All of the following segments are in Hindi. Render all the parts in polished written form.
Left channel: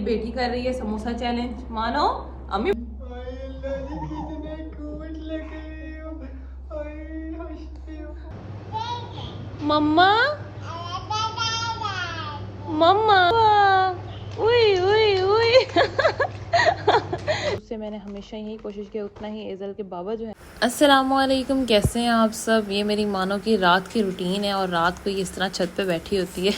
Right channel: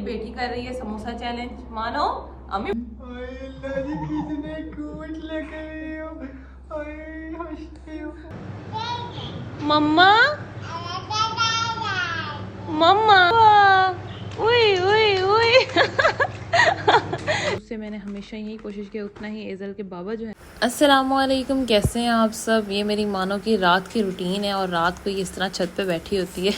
बेटी कर रही है समोसा चैलेंज, मानो अम्मी। मम्मा मम्मा उई उई उई उससे मैंने हमेशा यही कोशिश की उतना ही एजल के बाबा जो है। अस्सलामुअलैकुम, कैसे हैं आप सब। ये मेरी मानो की रात की रूटीन है और रात को ये इस तरह छत पे बैठी होती है।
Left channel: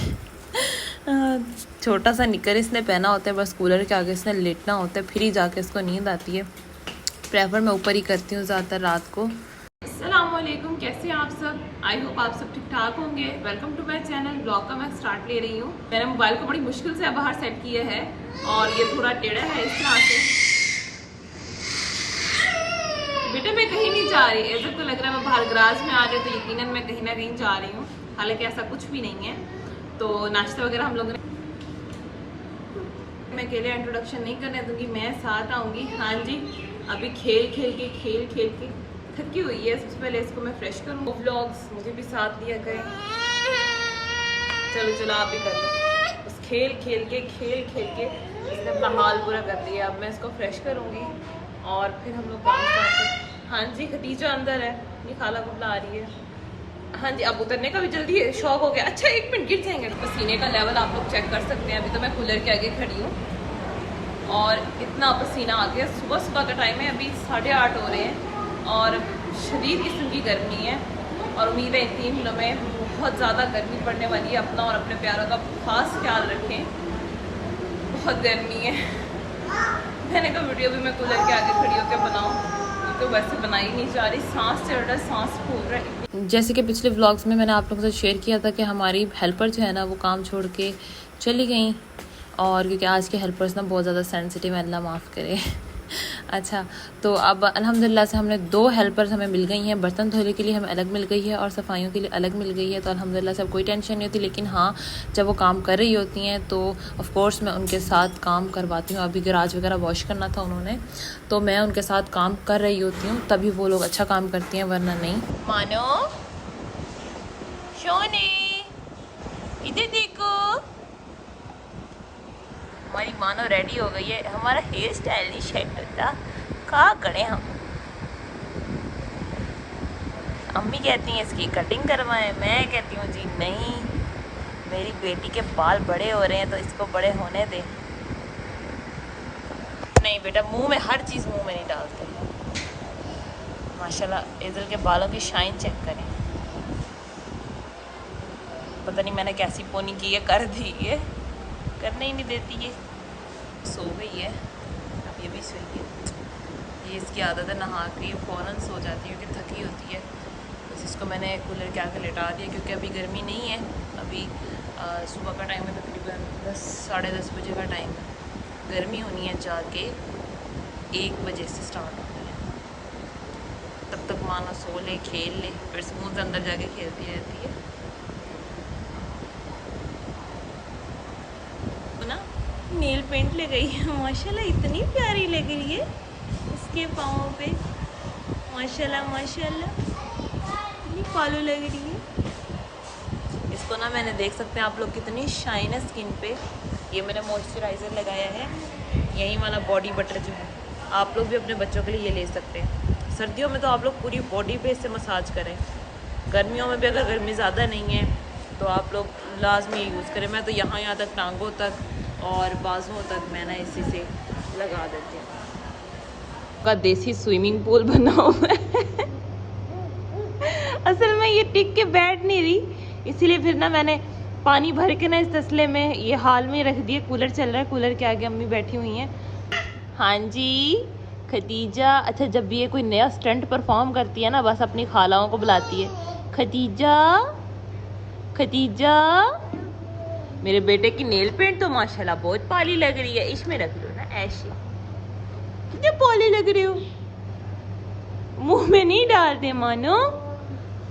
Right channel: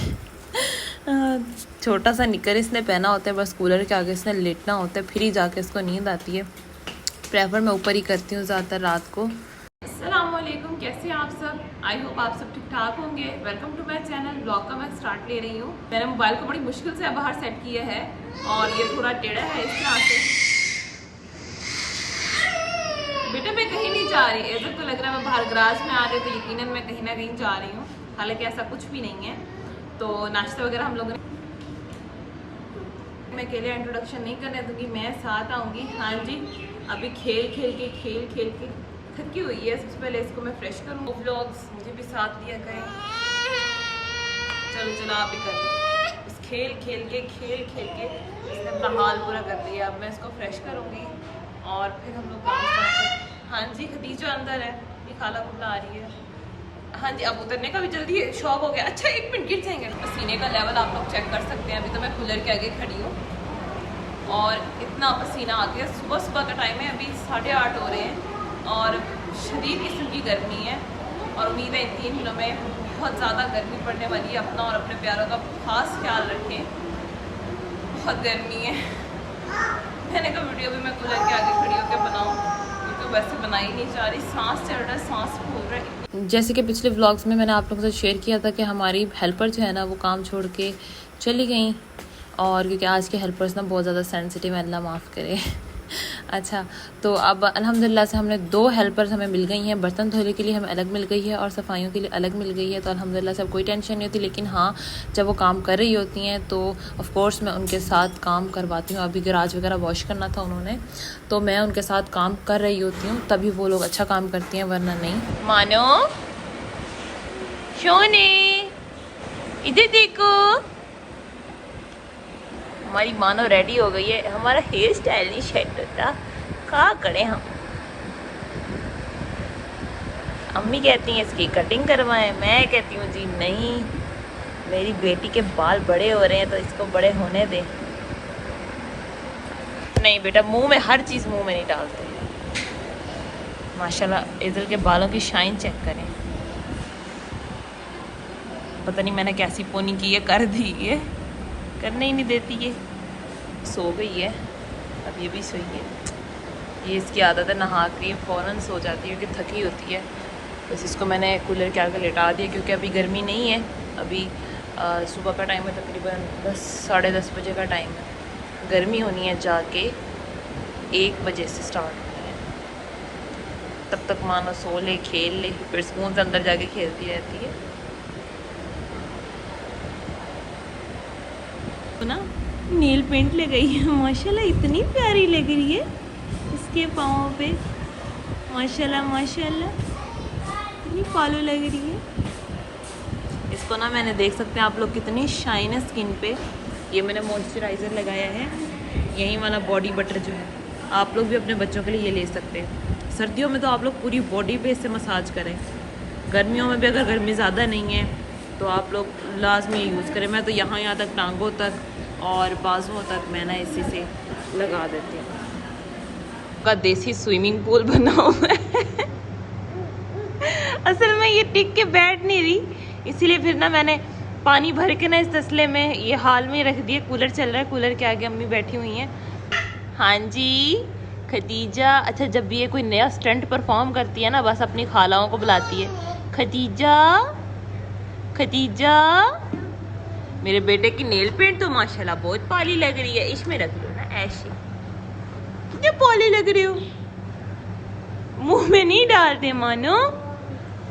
छोटा सा निकर इसने पहना होता है, बस कूलर के आगे इसने लेटना होता है, फिर ही जाके इसको नींद आती है। प्रेफर मैं ऊपर ही करती हूँ ज़्यादातर रात को। अस्सलामुअलैकुम, कैसे हैं आप सब। आई होप आप सब ठीक ठाक होंगे। Welcome to my channel. Blog का मैं स्टार्ट ले रही हूँ। मैंने मोबाइल को बड़ी मुश्किल से बाहर सेट किया है और ये थोड़ा टेढ़ा है इस तरह से। बेटा मैं कहीं नहीं जा रही है, सबको लग रहा है मैं बाहर गराज में आ रही हूँ, तो यकीनन मैं कहीं ना कहीं जा रही हूँ, हालांकि ऐसा कुछ भी नहीं है। तो नाश्ता वगैरह हम लोगों ने, मैं अकेले इंट्रोडक्शन नहीं करने दूंगी, मैं साथ आऊंगी। हाँ जी, अभी खेल खेल के थकी हुई है। सबसे पहले इसको मैं फ्रेश करूँ। व्लॉग्स मुझे भी साथ लिया करें। चलो आप भी कर लो। बस खेल खेल के इसने अपना हाल पूरा कर लिया। अब मैं इसको फ्रेश करूँगी और फिर हम लोग काम करते हैं। हाँ जी, खदीजा अंदर है, ये खाला को बुला रही है। हाँ जी, अब उतरने का भी जल्दी है, शौक हो गया। अच्छा 1 मिनट गिर जाएंगे। पसीने का लेवल आप लोग चेक कर सकते हैं। अभी तो मैं कूलर के आगे खड़ी हूँ और इतना पसीना आ गया। सुबह का टाइम है, अभी 8:30 हो रहे हैं और शदीद किस्म की गर्मी है। और उम्मीद है इन 3 दिनों में बहुत ज़्यादा गर्मी पड़ने वाली है। अपना और अपने प्यारों का खास ख्याल रखें, बहुत गर्मी है। मैंने कहा वीडियो भी मैं कूलर के आगे खड़ी होकर बनाऊँ, तो वैसे बनाई नहीं जा रही, सांस चढ़ रहा है, सांस फूल रहा है। जैसे कि पिछले व्लॉग्स में मैंने आप लोगों से शेयर किया था कि हमारी हेल्पर जो है ना वो काम छोड़ के चली गई, और क्योंकि आज के हेल्पर्स ना बहुत ज़्यादा सेंसिटिव है, अल्लाह माफ़ करे। अच्छा, तो अब अल्हम्दुलिल्लाह से हमने 2 हेल्पर्स हमें मिल गई हैं। बर्तन धोने के लिए हमें अलग मिल गई है और सफाइयों के लिए अलग मिल गई है। तो अल्हम्दुलिल्लाह से अब कोई टेंशन नहीं होती। लेकिन हाँ, जब वो काम कर रही होती हैं तो ऑफ़ कोर्स मैं उनके साथ काम करवाती हूँ। अभी गराज वगैरह वॉश करना था उन्होंने, तो मैं उनके साथ काम कर रही होती हूँ, तभी वो लोग अच्छा काम करती हैं, वरना नहीं। मानो शोने इधर देखो, हमारी मानो रेडी हो गई है। हमारा हेयर स्टाइल नहीं सेट होता, क्या करें हम। अम्मी कहती हैं इसकी कटिंग करवाएं, मैं कहती हूँ जी नहीं, मेरी बेटी के बाल बड़े हो रहे हैं तो इसको बड़े होने दें। नहीं बेटा, मुंह में हर चीज़ मुंह में नहीं डालते। माशाल्लाह इज़ल के बालों की शाइन चेक करें। पता नहीं मैंने कैसी पोनी की है, कर दी है, करने ही नहीं देती है। सो गई है, अब ये भी सोई है। ये इसकी आदत है, नहा के फ़ौरन सो जाती है क्योंकि थकी होती है। बस इसको मैंने कूलर के आगे लेटा दिया क्योंकि अभी गर्मी नहीं है। अभी सुबह का टाइम है, तकरीबन 10 साढ़े 10 बजे का टाइम है। गर्मी होनी है जाके 1 बजे से स्टार्ट होनी है। तब तक मानो सो ले, खेल ले, फिर स्कूल से अंदर जाके खेलती रहती है ना। नील पेंट ले गई है, माशाल्लाह इतनी प्यारी लग रही है इसके पाँव पे। माशाल्लाह इतनी फॉलो लग रही है इसको ना। मैंने देख सकते हैं आप लोग कितनी शाइन है स्किन पे। ये मैंने मॉइस्चराइज़र लगाया है, यही वाला बॉडी बटर जो है। आप लोग भी अपने बच्चों के लिए ये ले सकते हैं। सर्दियों में तो आप लोग पूरी बॉडी पे इससे मसाज करें। गर्मियों में भी अगर गर्मी ज़्यादा नहीं है तो आप लोग लाजमी यूज़ करें। मैं तो यहाँ तक, टांगों तक और बाजुओं तक मैं ना इसी से लगा देती हूँ। का देसी स्विमिंग पूल बना हुआ है। असल में ये टिक के बैठ नहीं रही, इसीलिए फिर ना मैंने पानी भर के ना इस तसले में ये हाल में रख दिए। कूलर चल रहा है, कूलर के आगे अम्मी बैठी हुई हैं। हाँ जी खदीजा। अच्छा, जब भी ये कोई नया स्टंट परफॉर्म करती है ना, बस अपनी खालाओं को बुलाती है, खदीजा। मेरे बेटे की नेल पेंट तो माशाल्लाह बहुत पाली लग रही है। इसमें रख लो ना, ऐसे कितने पाली लग रही हो। मुंह में नहीं डालते मानो,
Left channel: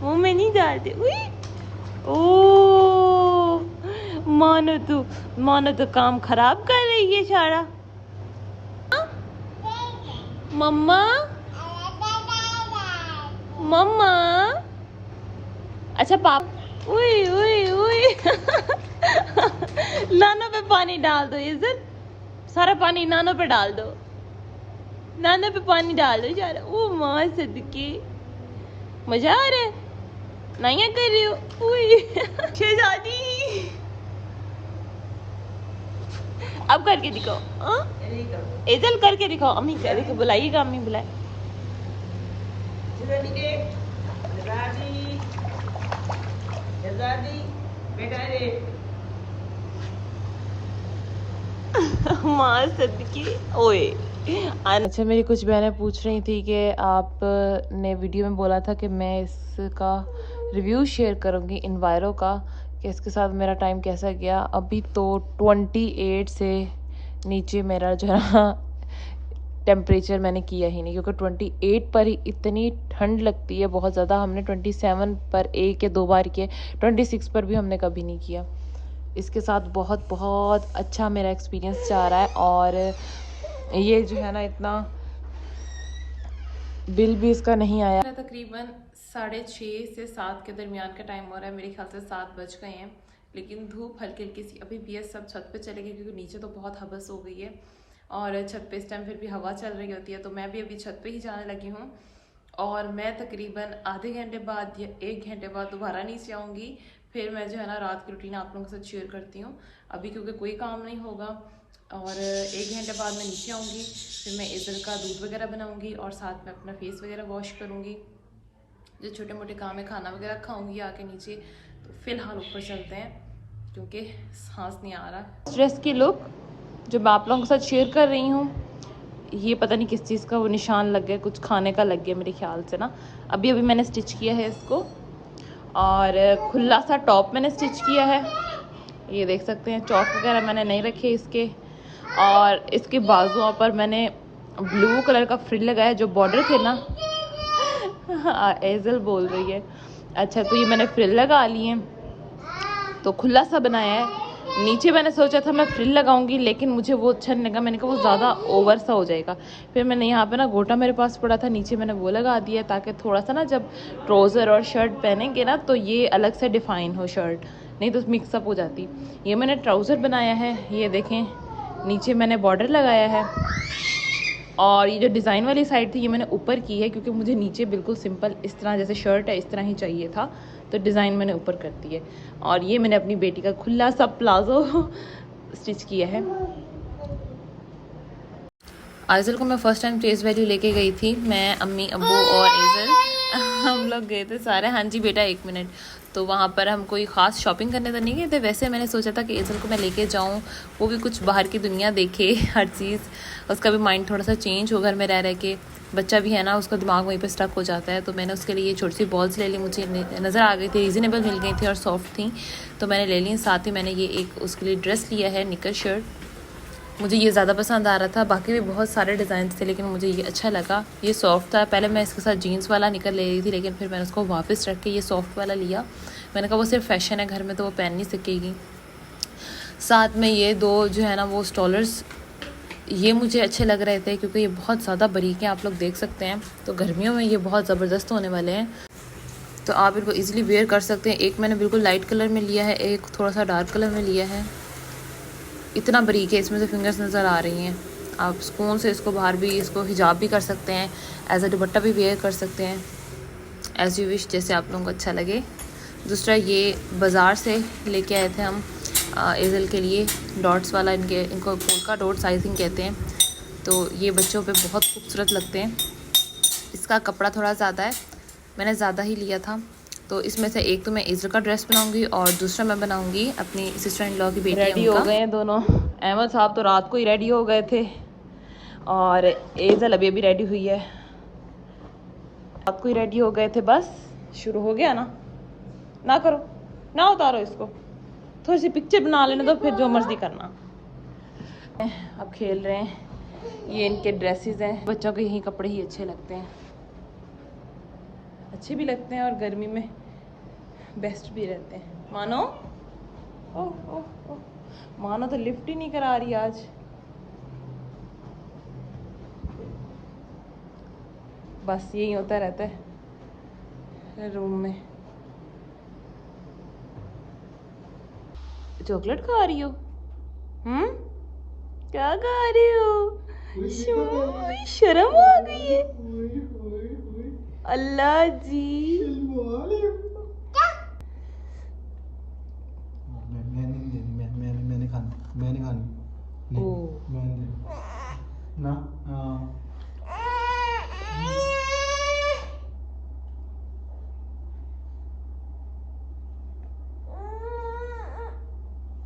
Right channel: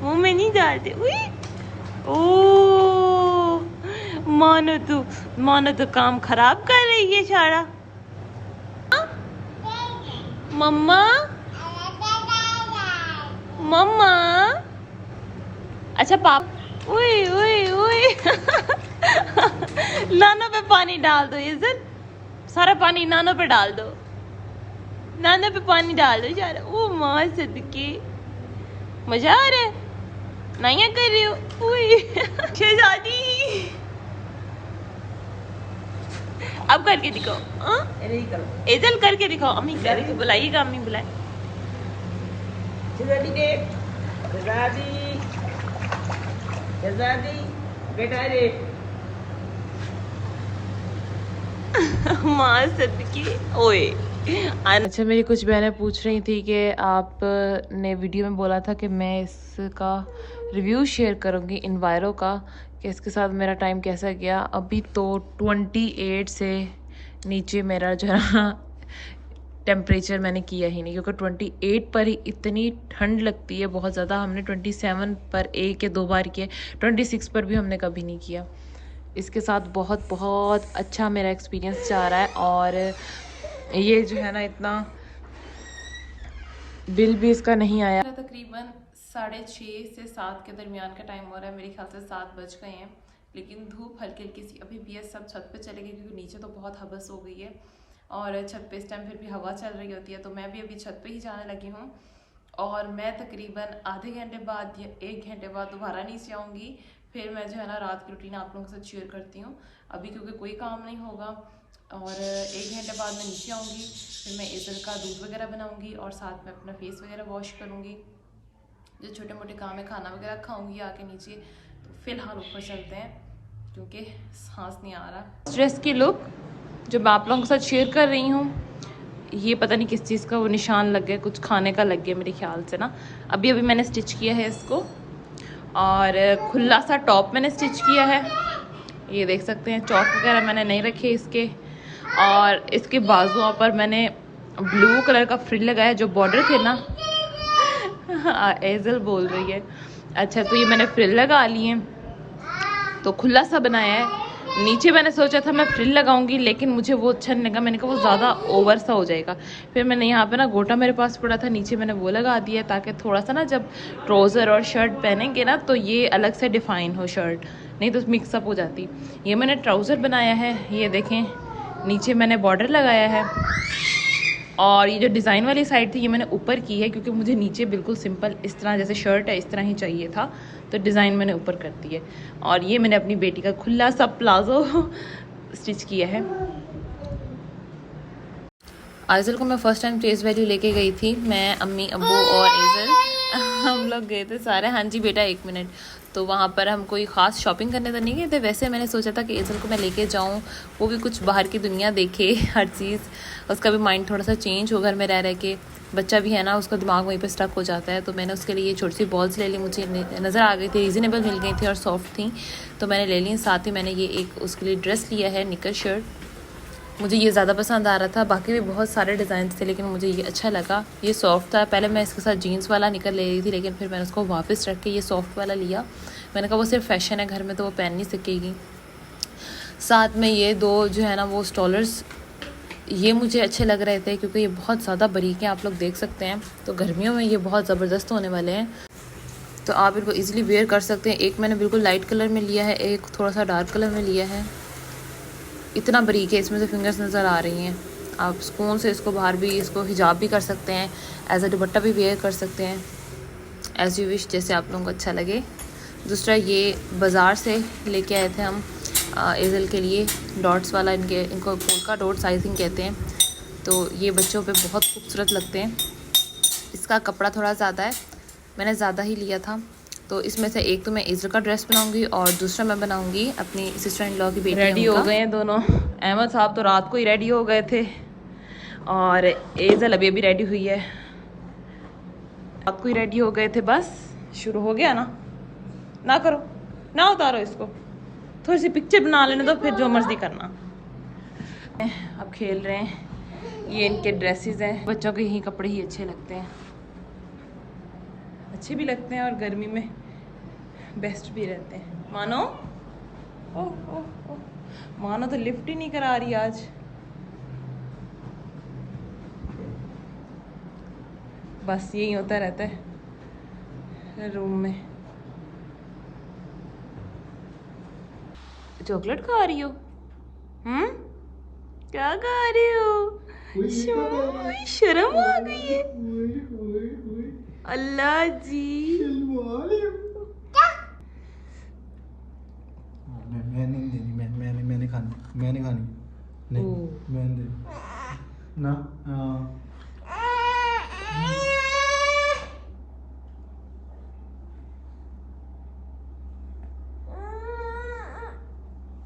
मुंह में नहीं डालते। ओ मानो तो काम खराब कर रही है सारा। मम्मा अच्छा पाप उई लाना पे पानी डाल दो इज्जत। सारा पानी नानो पे डाल दो, नाना पे पानी डाल दो सारा। ओ माँ सदके, मजा आ रहा है, नाइया कर रही हो। शहजादी अब करके दिखाओ, एजल करके दिखाओ। अम्मी करके बुलाइएगा, अम्मी बुलाए। माँ सदकी ओए। अच्छा, मेरी कुछ बहनें पूछ रही थी कि आपने वीडियो में बोला था कि मैं इसका रिव्यू शेयर करूंगी इन्वायरो का, कि इसके साथ मेरा टाइम कैसा गया। अभी तो 28 से नीचे मेरा जो है टेम्परेचर मैंने किया ही नहीं, क्योंकि 28 पर ही इतनी ठंड लगती है बहुत ज़्यादा। हमने 27 पर एक या दो बार किया, 26 पर भी हमने कभी नहीं किया। इसके साथ बहुत बहुत अच्छा मेरा एक्सपीरियंस जा रहा है। और ये जो है ना, इतना बिल भी इसका नहीं आया। तकरीबन 6:30 से 7 के दरमियान का टाइम हो रहा है, मेरे ख्याल से 7 बज गए हैं। लेकिन धूप हल्की हल्की सी अभी भी है। सब छत पे चले गए क्योंकि नीचे तो बहुत हवस हो गई है, और छत पे इस टाइम फिर भी हवा चल रही होती है। तो मैं भी अभी छत पे ही जाने लगी हूँ, और मैं तकरीबन आधे घंटे बाद या 1 घंटे बाद दोबारा नीचे आऊँगी। फिर मैं जो है ना रात की रूटीन आप लोगों के साथ शेयर करती हूँ। अभी क्योंकि कोई काम नहीं होगा, और 1 घंटे बाद मैं नीचे आऊँगी। फिर मैं इधर का दूध वगैरह बनाऊँगी, और साथ में अपना फेस वगैरह वॉश करूँगी। जो छोटे मोटे काम है, खाना वगैरह खाऊँगी आके नीचे। तो फिलहाल ऊपर चलते हैं क्योंकि सांस नहीं आ रहा। ड्रेस की लुक जो मैं आप लोगों के साथ शेयर कर रही हूँ, ये पता नहीं किस चीज़ का वो निशान लग गया, कुछ खाने का लग गया मेरे ख्याल से ना। अभी मैंने स्टिच किया है इसको, और खुला सा टॉप मैंने स्टिच किया है। ये देख सकते हैं, चौक वगैरह मैंने नहीं रखे इसके। और इसके बाजुओं पर मैंने ब्लू कलर का फ्रिल लगाया, जो बॉर्डर थे ना। एजल बोल रही है। अच्छा, तो ये मैंने फ्रिल लगा लिए, तो खुला सा बनाया है। नीचे मैंने सोचा था मैं फ्रिल लगाऊंगी, लेकिन मुझे वो अच्छा नहीं लगा। मैंने कहा वो ज़्यादा ओवर सा हो जाएगा। फिर मैंने यहाँ पे ना गोटा मेरे पास पड़ा था, नीचे मैंने वो लगा दिया, ताकि थोड़ा सा ना जब ट्राउज़र और शर्ट पहनेंगे ना तो ये अलग से डिफ़ाइन हो शर्ट, नहीं तो मिक्सअप हो जाती। ये मैंने ट्राउज़र बनाया है, ये देखें, नीचे मैंने बॉर्डर लगाया है। और ये जो डिज़ाइन वाली साइड थी ये मैंने ऊपर की है, क्योंकि मुझे नीचे बिल्कुल सिंपल इस तरह जैसे शर्ट है इस तरह ही चाहिए था, तो डिज़ाइन मैंने ऊपर कर दी है। और ये मैंने अपनी बेटी का खुला सा प्लाजो स्टिच किया है। आइजल को मैं फ़र्स्ट टाइम फेस वैल्यू लेके गई थी, मैं, अम्मी, अब्बू और एजल हम लोग गए थे सारे। हाँ जी बेटा, 1 मिनट। तो वहाँ पर हम कोई ख़ास शॉपिंग करने तो नहीं गए थे, वैसे मैंने सोचा था कि एजल को मैं लेके जाऊँ, वो भी कुछ बाहर की दुनिया देखे, हर चीज़, उसका भी माइंड थोड़ा सा चेंज हो घर में रह के। बच्चा भी है ना, उसका दिमाग वहीं पे स्टक हो जाता है। तो मैंने उसके लिए ये छोटी सी बॉल्स ले ली, मुझे नज़र आ गई थी, रीज़नेबल मिल गई थी और सॉफ्ट थी, तो मैंने ले ली। साथ ही मैंने ये एक उसके लिए ड्रेस लिया है, निकर शर्ट, मुझे ये ज़्यादा पसंद आ रहा था। बाकी भी बहुत सारे डिज़ाइन थे, लेकिन मुझे ये अच्छा लगा, ये सॉफ्ट था। पहले मैं इसके साथ जीन्स वाला निकर ले रही थी, लेकिन फिर मैंने उसको वापस रख के ये सॉफ्ट वाला लिया। मैंने कहा वो सिर्फ फैशन है, घर में तो वो पहन नहीं सकेगी। साथ में ये 2 जो है ना वो स्टॉलर्स, ये मुझे अच्छे लग रहे थे क्योंकि ये बहुत ज़्यादा बारीक हैं, आप लोग देख सकते हैं। तो गर्मियों में ये बहुत ज़बरदस्त होने वाले हैं, तो आप इनको ईज़िली वेयर कर सकते हैं। एक मैंने बिल्कुल लाइट कलर में लिया है, एक थोड़ा सा डार्क कलर में लिया है। इतना बारीक है, इसमें से फिंगर्स नज़र आ रही हैं। आप सुकून से इसको बाहर भी, इसको हिजाब भी कर सकते हैं, एज अ दुपट्टा भी वेयर कर सकते हैं, एज़ यू विश, जैसे आप लोगों को अच्छा लगे। दूसरा, ये बाज़ार से लेके आए थे हम एजल के लिए, डॉट्स वाला, इनको पोल्का डॉट साइजिंग कहते हैं। तो ये बच्चों पे बहुत खूबसूरत लगते हैं। इसका कपड़ा थोड़ा ज़्यादा है, मैंने ज़्यादा ही लिया था। तो इसमें से एक तो मैं एजल का ड्रेस बनाऊंगी, और दूसरा मैं बनाऊंगी अपनी सिस्टर इन लॉ की बेटी। रेडी हो गए हैं दोनों। अहमद साहब तो रात को ही रेडी हो गए थे, और एजल अभी अभी रेडी हुई है। रात को ही रेडी हो गए थे, बस शुरू हो गया ना। ना करो ना, उतारो इसको, थोड़ी सी पिक्चर बना लेने दो, फिर जो मर्जी करना। अब खेल रहे हैं, ये इनके ड्रेसेस हैं। बच्चों के यही कपड़े ही अच्छे लगते हैं, अच्छे भी लगते हैं और गर्मी में बेस्ट भी रहते हैं। मानो, ओह ओह ओह, मानो तो लिफ्ट ही नहीं करा रही आज। बस यही होता रहता है रूम में। चॉकलेट खा रही हो? क्या खा रहे हो? शर्म आ गई है। अल्लाह जी। मैंने खानी, मैंने खानी ओ मैंने ना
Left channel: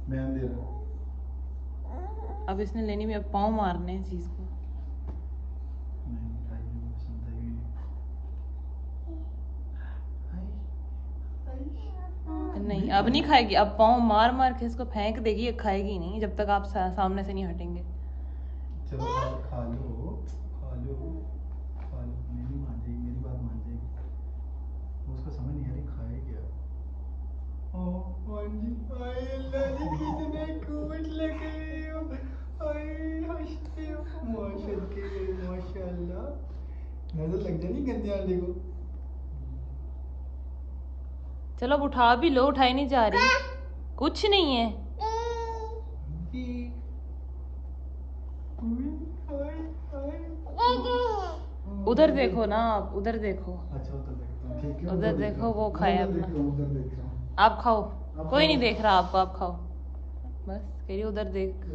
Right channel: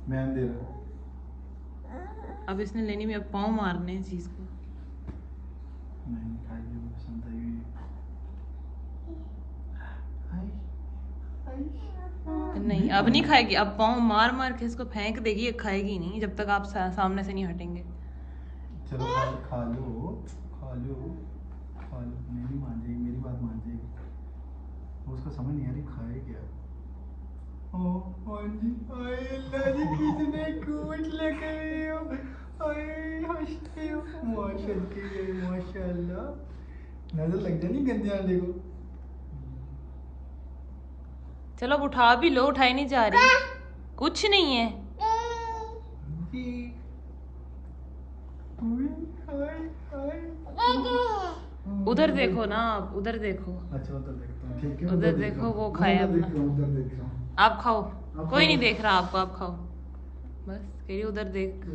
मैंने दे रहा। अब इसने लेनी में अब पाँव मारने हैं चीज को। नहीं खाएगी, पसंद आएगी। नहीं अब नहीं खाएगी, अब पाँव मार मार के इसको फेंक देगी, ये खाएगी नहीं जब तक आप सामने से नहीं हटेंगे। चलो खा लो खा लो खा लो, मेरी मान जाएगी, मेरी बात मान जाएगी। उसको समझ नहीं आ रही खाए क्या। ओ हाँ जी, आए अल्लाह जी कितने क्यूट लग रहे हो, आए हंसते हो, माशाल्लाह माशाल्लाह। नजर लग जानी गंदे आंडे को। चलो अब उठा भी लो, उठाई नहीं जा रही, कुछ नहीं है। उधर देखो ना, आप उधर देखो, अच्छा उधर देखता हूँ, ठीक है उधर देखो, वो खाए उधर अपना। देख रहा हूँ, उधर देख रहा हूँ। आप खाओ, आप कोई खाओ। नहीं देख रहा आपको, आप खाओ बस। कह रही उधर देख।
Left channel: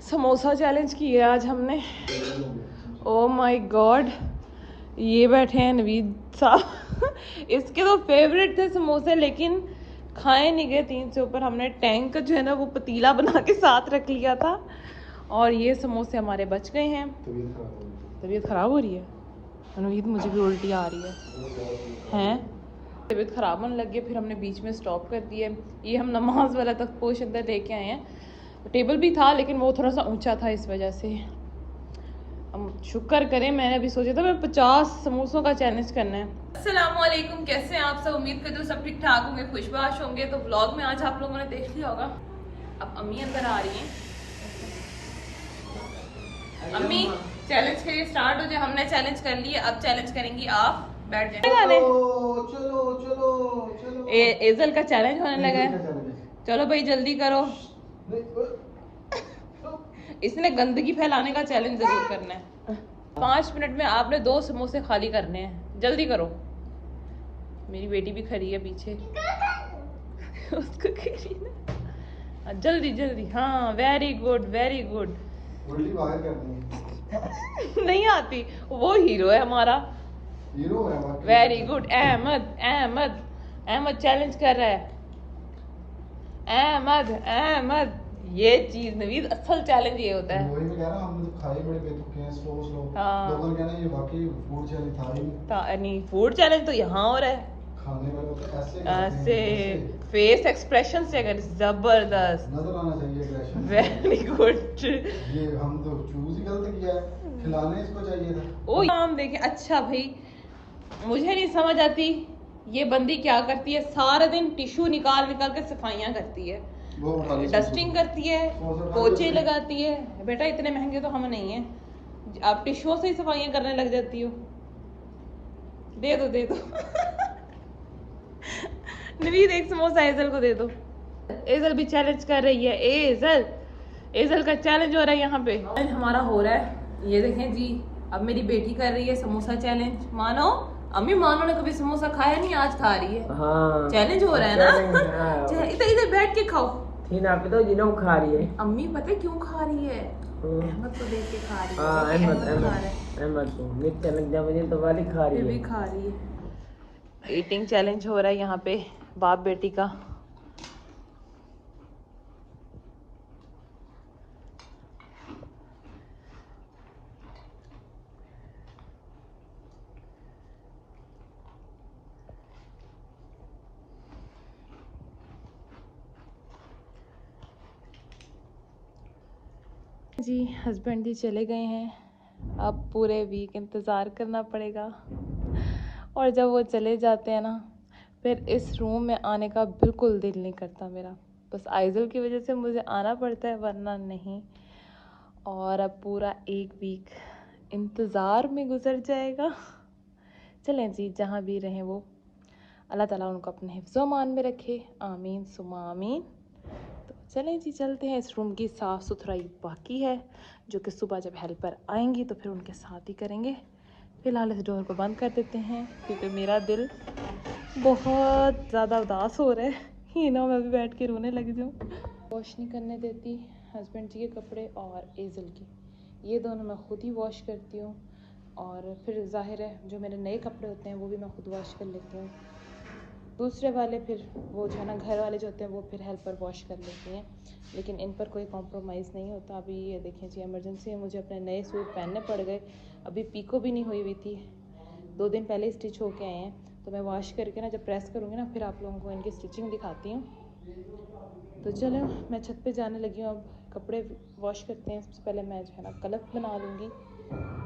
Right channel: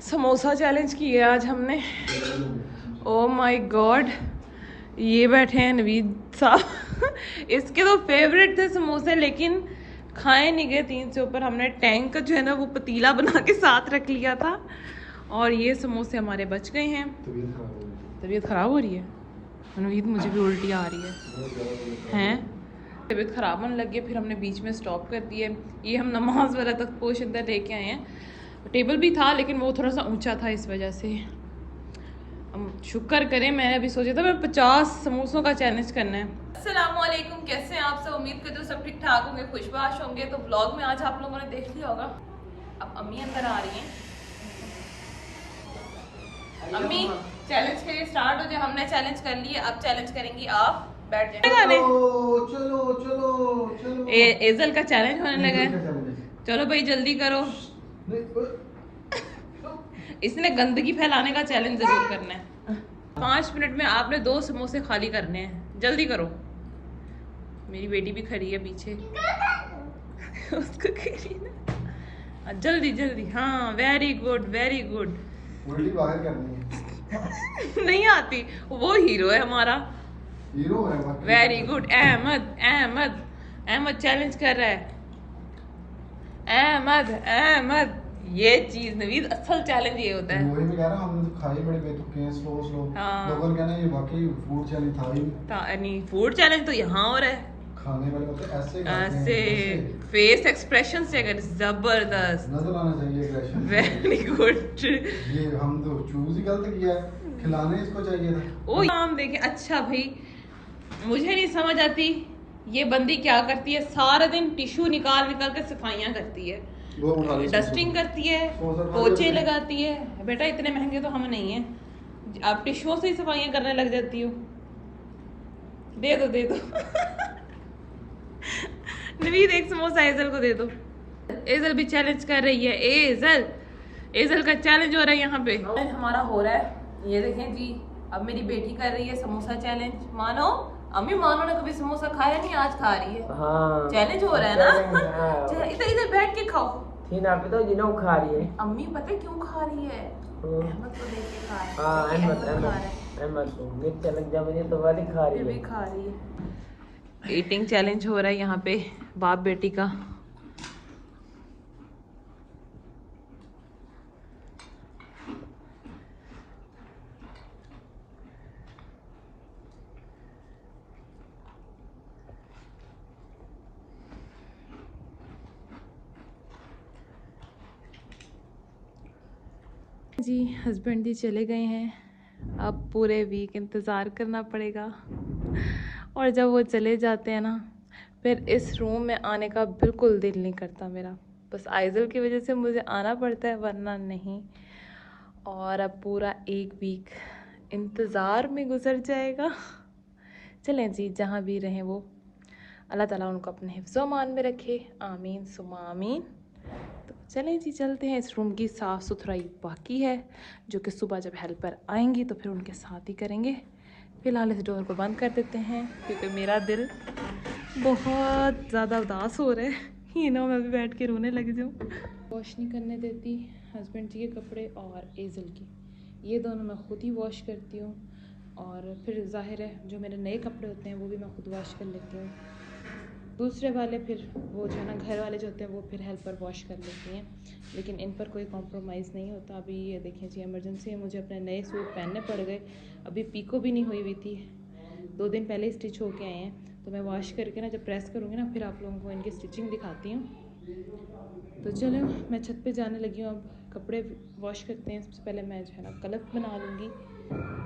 समोसा चैलेंज किया आज हमने। ओ माय गॉड, ये बैठे हैं नवीद साहब। इसके तो फेवरेट थे समोसे, लेकिन खाए नहीं गए 3 से ऊपर। हमने टैंक का जो है ना वो पतीला बना के साथ रख लिया था, और ये समोसे हमारे बच गए हैं। तबीयत खराब हो रही है नवीद, मुझे भी उल्टी आ रही है। तबीयत खराब होने लगी है, फिर हमने बीच में स्टॉप कर दिया। ये हम नमाज वाला तक पोश अंदर लेके आए हैं। टेबल भी था लेकिन वो थोड़ा सा ऊंचा था, इस वजह से। हम शुक्र करें, मैंने अभी सोचा था मैं 50 समोसों का चैलेंज करना है। अस्सलामुअलैकुम, कैसे हैं आप सब? उम्मीद करते हो सब ठीक ठाक होंगे, खुशबाश होंगे। तो व्लॉग में आज आप लोगों ने देख लिया होगा, अब अम्मी अंदर आ रही हैं। अम्मी चैलेंज के लिए स्टार्ट हो जाए। हमने चैलेंज कर लिया, अब चैलेंज करेंगी आप। बैठ जाए गाने। चलो चलो चलो। एजल का चैलेंज होने लगा है। चलो भाई जल्दी करो, इसने गंदगी फैलाने का चैलेंज जरूर करना है। 5 मिनट में आपने 2 समोसे खाली करने हैं, जल्दी करो। मेरी बेटी भी खड़ी है पीछे। उसको जल्दी जल्दी, हाँ वेरी गुड वेरी गुड। उल्टी बाहर करनी नहीं आती, वो हीरो है हमारा। हीरो है। Very good. Ahmed Ahmed Ahmed challenge कर रहा है। अहमद अहमद, ये चीज नवीद असल चैलेंज ये होता है। वही मैं कह रहा हूं, हम तो खाए बड़े बेतुके हैं, स्लो स्लो। हाँ। लोगों ने कहना ये वाकई फूड चैलेंज था ही नहीं। नहीं, फूड चैलेंज तो यहाँ हो रहा है। खाने वाले तो ऐसे ऐसे फेस एक्सप्रेशन से, अगर जबरदस्त, नजर आना चाहिए एग्रेशन। Very good. ये हम तो चूज ही गलत किया है, खिलाने इसको चाहिए था। ओ काम देखे। अच्छा भाई, मुझे नहीं समझ आती ये बंदी क्या करती है। सारा दिन टिश्यू निकाल निकाल के सफाइयाँ करती है, डस्टिंग करती है, पोछे लगाती है। बेटा इतने महंगे तो हम नहीं है, आप टिश्यूओं से ही सफाइयाँ करने लग जाती हो। दे दो दे दो। नवीद एक समोसा एजल को दे दो। एजल भी चैलेंज कर रही है। एजल, एजल का चैलेंज हो रहा है यहाँ पे। हमारा हो रहा है, ये देखें जी। अब मेरी बेटी कर रही है समोसा चैलेंज। मानो अम्मी, मानो ने कभी समोसा खाया नहीं, आज खा रही है। हाँ, चैलेंज हो रहा है ना। इधर इधर बैठ के खाओ। तो खा रही है अम्मी, पता है क्यों खा रही है? अहमद को देख के खा रही है। अहमद खा रहा है, भी खा रही है। ईटिंग चैलेंज हो रहा है यहाँ पे बाप बेटी का। जी हस्बैंड जी चले गए हैं, अब पूरे वीक इंतज़ार करना पड़ेगा। और जब वो चले जाते हैं ना, फिर इस रूम में आने का बिल्कुल दिल नहीं करता मेरा, बस आइज़ल की वजह से मुझे आना पड़ता है, वरना नहीं। और अब पूरा एक वीक इंतज़ार में गुजर जाएगा। चलें जी, जहाँ भी रहें वो अल्लाह ताला उनको अपने हिफ्ज़ अमान में रखे, आमीन सुमा आमीन। तो चलें जी, चलते हैं। इस रूम की साफ़ सुथराई बाकी है, जो कि सुबह जब हेल्पर आएंगी तो फिर उनके साथ ही करेंगे। फ़िलहाल इस डोर को बंद कर देते हैं, क्योंकि मेरा दिल बहुत ज़्यादा उदास हो रहा है। ये ना मैं भी बैठ के रोने लग जाऊँ। वॉश नहीं करने देती हस्बैंड जी के कपड़े और एज़ल के, ये दोनों मैं खुद ही वॉश करती हूँ। और फिर ज़ाहिर है जो मेरे नए कपड़े होते हैं वो भी मैं खुद वॉश कर लेती हूँ। दूसरे वाले फिर वो जो है ना घर वाले जो होते हैं वो फिर हेल्पर वॉश कर लेती हैं, लेकिन इन पर कोई कॉम्प्रोमाइज़ नहीं होता। अभी ये देखें जी, इमरजेंसी में मुझे अपने नए सूट पहनने पड़ गए। अभी पीको भी नहीं हुई थी, 2 दिन पहले स्टिच होके आए हैं। तो मैं वॉश करके ना जब प्रेस करूँगी ना फिर आप लोगों को इनकी स्टिचिंग दिखाती हूँ। तो चलो मैं छत पे जाने लगी हूँ, अब कपड़े वॉश करते हैं। सबसे पहले मैं जो है ना कलफ बना लूँगी,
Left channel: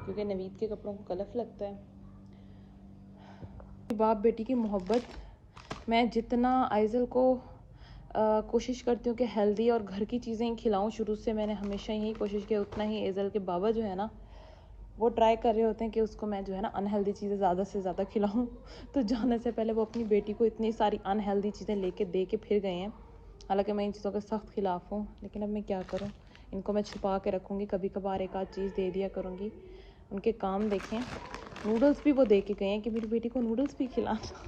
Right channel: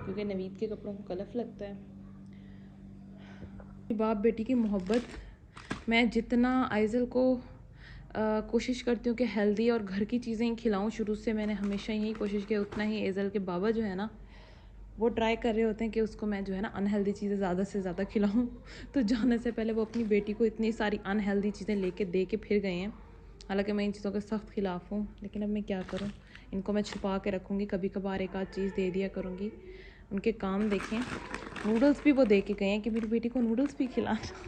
क्योंकि नवीद के कपड़ों को कलफ लगता है। बाप बेटी की मोहब्बत, मैं जितना आइज़ल को कोशिश करती हूँ कि हेल्दी और घर की चीज़ें ही खिलाऊँ, शुरू से मैंने हमेशा यही कोशिश की, उतना ही एज़ल के बाबा जो है ना वो ट्राई कर रहे होते हैं कि उसको मैं जो है ना अनहेल्दी चीज़ें ज़्यादा से ज़्यादा खिलाऊँ। तो जाने से पहले वो अपनी बेटी को इतनी सारी अनहेल्दी चीज़ें लेके दे के फिर गए हैं। हालांकि मैं इन चीज़ों के सख्त ख़िलाफ़ हूँ, लेकिन अब मैं क्या करूँ, इनको मैं छुपा के रखूँगी, कभी कभार एक आध चीज़ दे दिया करूँगी। उनके काम देखें, नूडल्स भी वो दे के गए हैं कि मेरी बेटी को नूडल्स भी खिलाना।